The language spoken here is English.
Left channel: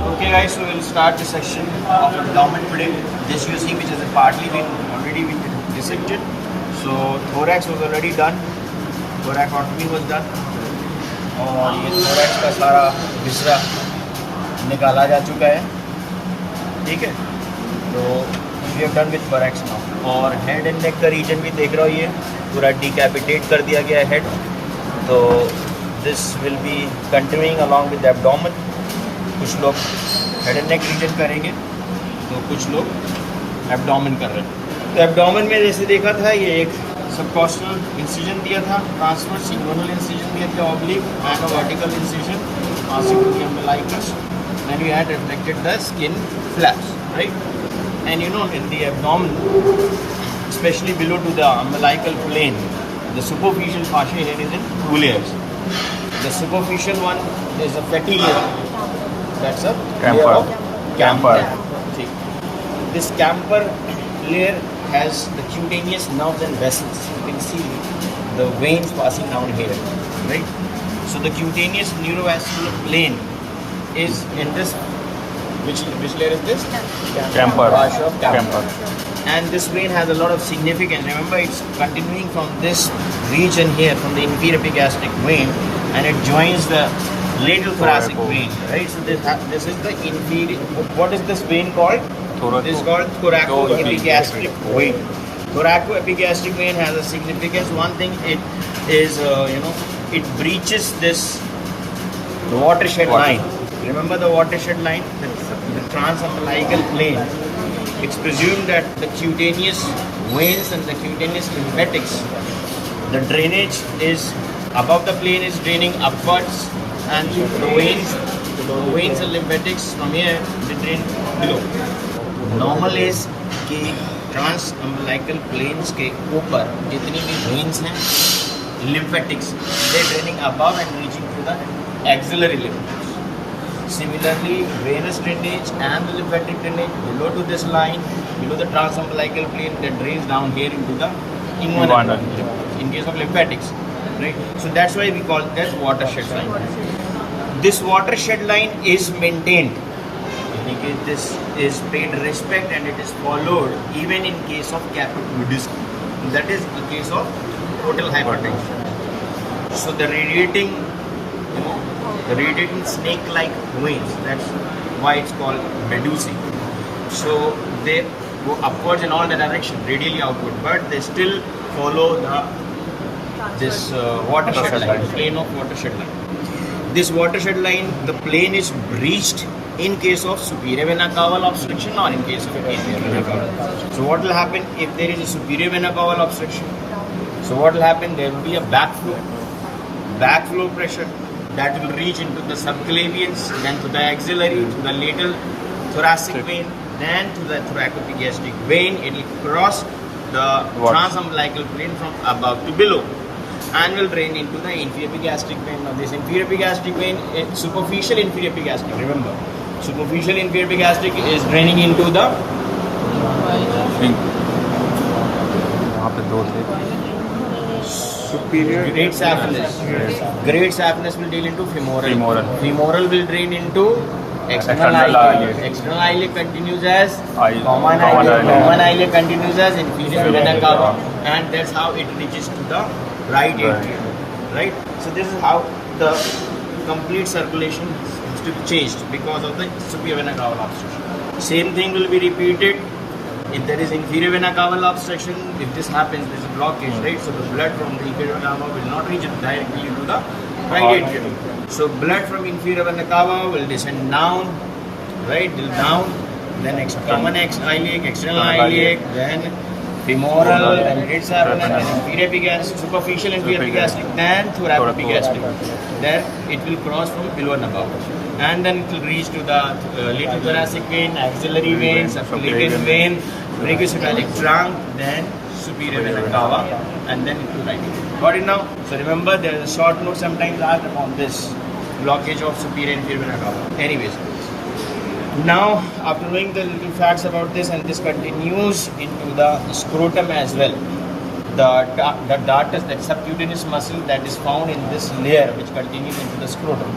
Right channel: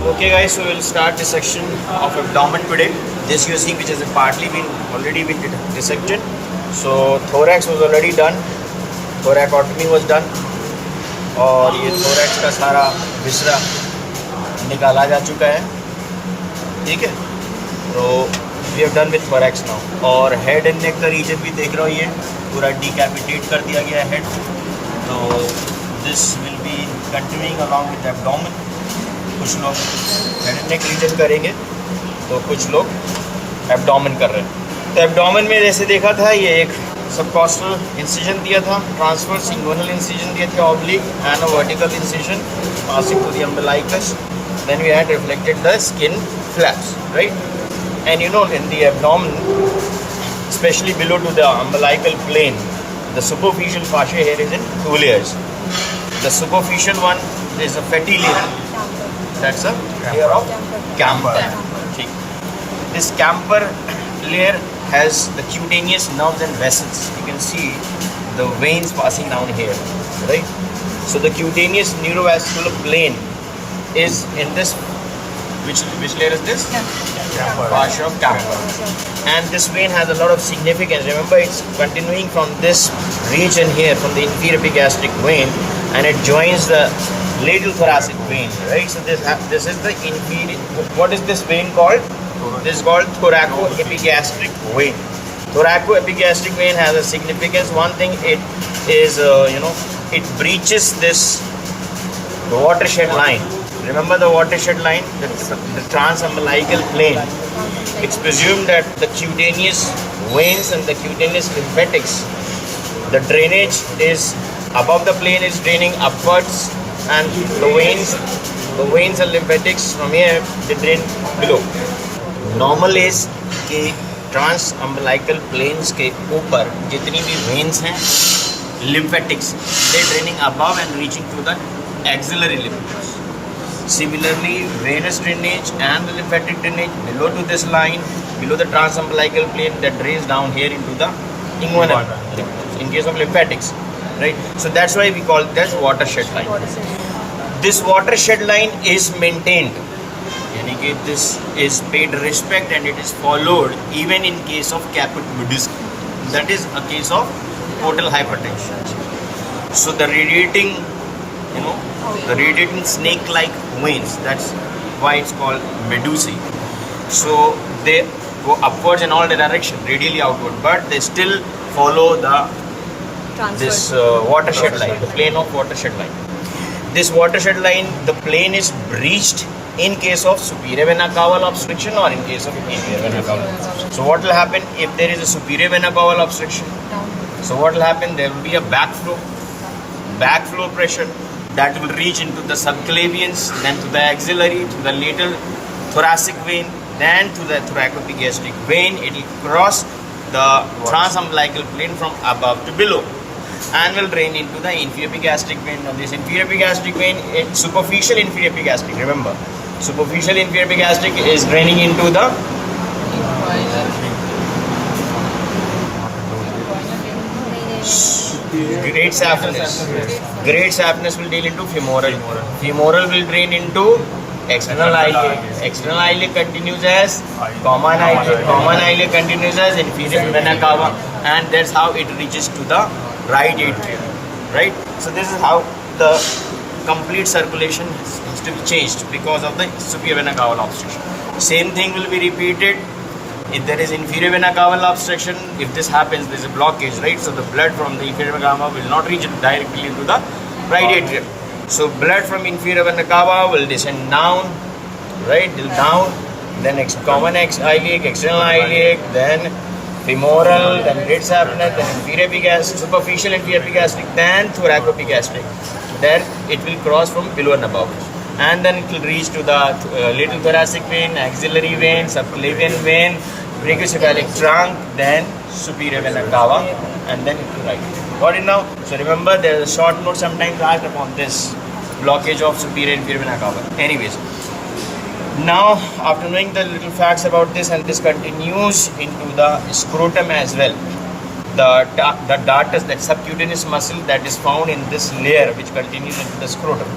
Okay guys, so we'll start dissection of abdomen today. This you see which has partly been already been dissected. So thorax was already done, thoracotomy was done और ये thorax का सारा विसरा निकाला जा चुका है, ठीक है. तो we have done with thorax now. और head and neck का region भी देख रहे हो, ये पूरा decapitate कर दिया गया है head. तो this will be continuing along with the abdomen. कुछ लोग हेड एंड नेक रीजन करेंगे तो कुछ लोग एब्डोमेन कर रहे हैं. तो एब्डोमेन में जैसे देखा था, ये एक सबकॉस्टल इंसिजन दिया था, ट्रांसवर्स इंगुइनल इंसिजन दिया था, oblique and vertical incision passing to the umbilicus. Then we had reflected the skin flaps, right. And you know in the abdomen, especially below to the umbilical plane, the superficial fascia here is in two layers. The superficial one is a fatty layer. That's a layer of camper. This camper layer has the cutaneous nerves and vessels. You can see the veins passing down here, right? So the cutaneous neurovascular plane is in this. Which layer is this? Camper. Fascia of camper. And this vein has a lot of significance. Remember, it's continuing from this region here, from the inferior epigastric vein, and it joins the lateral thoracic vein, right? So this is the inferior. What is this vein called? This is called thoracoepigastric vein. Thoracoepigastric vein has a significance. One thing, it is it breaches this watershed line. Remember the watershed line, the transumbilical plane. It's presumed that the cutaneous veins and the cutaneous lymphatics, the drainage is above the plane is draining upwards, and the veins and lymphatics from here they drain below. Normal is कि transumbilical planes के ऊपर जितनी भी veins हैं, lymphatics, they draining above and reaching to the axillary lymph nodes. Similarly, venous drainage and the lymphatic drainage below to this line, below the transumbilical plane, that drains down here into the inguinal lymph nodes. In case of lymphatics, right? So that's why we call that watershed line. This watershed line is maintained. यानी कि this is paid respect and it is followed even in case of caput-Buddhism. That is a case of portal hypertension. So the radiating, the radiating snake-like veins, that's why it's called medusae. So they go upwards in all the direction, radially outward, but they still follow this watershed line, the plane of watershed line. This watershed line, the plane is breached in case of superior vena cava obstruction or in case of inferior vena cava obstruction. So what will happen if there is a superior vena cava obstruction? So what will happen? There will be a backflow pressure that will reach into the subclavians, then to the axillary, to the lateral thoracic vein, then to the thoracoepigastric vein. It will cross the transumbilical plane from above to below and will drain into the inferior epigastric vein. Now this inferior epigastric vein, it's superficial inferior epigastric. Remember, superficial inferior epigastric is draining into the great saphenous. Great saphenous will deal into femoral. Femoral will drain into external iliac. External iliac continues as common iliac. Common iliac continues as inferior vena cava, and that's how it reaches to the right atrium. Right. So this is how the complete circulation has to be changed because of the superior vena cava obstruction. Same thing will be repeated. If there is inferior vena cava obstruction, if this happens, there is a blockage, right? So the blood from the inferior vena cava will not reach directly into the right atrium. So blood from inferior vena cava will descend down, right? Down, then common iliac, external iliac, then femoral, then great saphenous, then inferior epigastric, superficial inferior epigastric, then thoracoepigastric. Then it will cross from below and above. And then it will reach to the lateral thoracic vein, axillary vein, subclavian vein, brachiocephalic trunk, then superior vena cava, and then it will right. Got it now? So remember, there is a short note sometimes asked upon this blockage of superior inferior vena cava. Anyways, now after knowing the little facts about this, and this continues into the scrotum as well. The dartus, that subcutaneous muscle that is found in this layer which continues into the scrotum.